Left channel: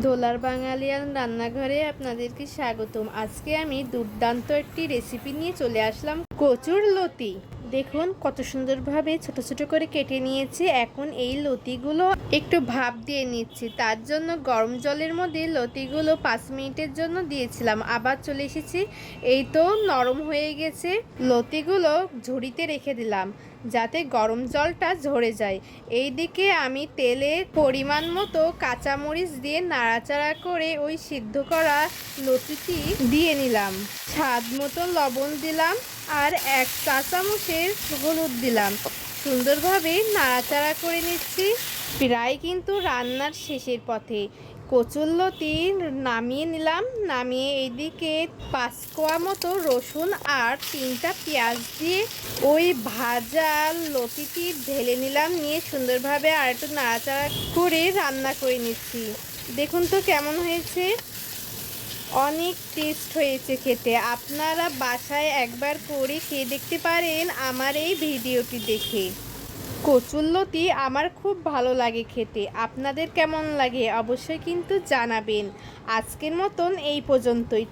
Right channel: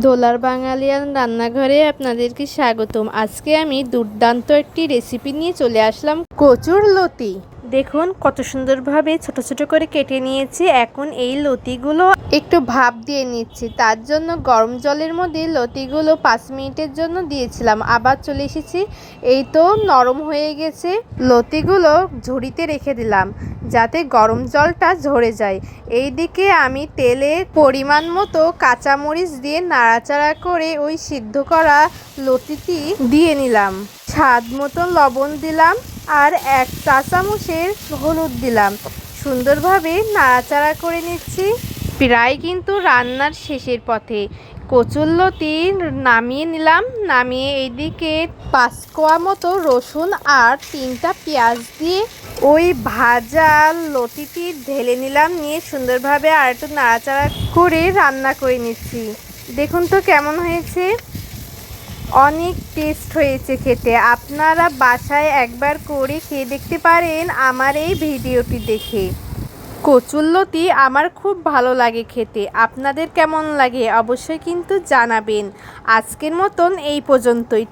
দোলার বাঙালিয়ান রান্নাঘরে আপনাদেরকে স্বাগতম। আজকে আমি দুর্দান্ত একটি রেসিপি নিয়ে চলে আসলাম, কচুর লতি। দেখুন কত সুন্দরভাবে ছোট ছোট করে কেটে নিয়েছি। এখন এই লতিগুলো একটু ভাপ দিয়ে নিচ্ছি। তার জন্য গরম জলের মধ্যে লতিগুলো 5 মিনিটের জন্য দিয়েছিলাম। আবার চলে এসেছি, এই তো নরম হয়ে গেছে। লতিগুলো ঝুড়িতে রেখে দিলাম যাতে গরম জলটা ঝরে যায়। এইদিকে আমি তেলে পরিমাণ মতো কাঁচামরিচ দিয়ে নাড়াচাড়া করে ওই সিদ্ধ করা লতিটি দিয়ে নিলাম। স্বাদ মতো লবণ দিলাম আর 1 চা চামচের হলুদ দিলাম। সুন্দরভাবে নাড়াচাড়া করে নিচ্ছি। প্রায় কিন্তু রান্নার শেষের পথে। কচুরলতি নামিয়ে নিলাম। নামিয়ে এইদিকে 5 কোয়া মতো রসুন আর 3টা পেঁয়াজ দিয়ে ওই ভাজা লতিটি ঢেলে নিলাম। নিয়ে সুন্দরভাবে আর একটু নাড়াচাড়া করে রান্না করে নিচ্ছি। দেখুন তো কেমন হয়েছে, অনেক টেস্ট হয়েছে খেতে। আপনারা বাসায় একবার করে খেয়ে দেখতে পারেন আমার এই ভিডিওটি দেখে। কচুরলতি আমার খুব ভালো লাগে খেতে। আপনাদের কেমন লাগে অবশ্যই কিন্তু জানাবেন। আজকের মতন এই পর্যন্তই।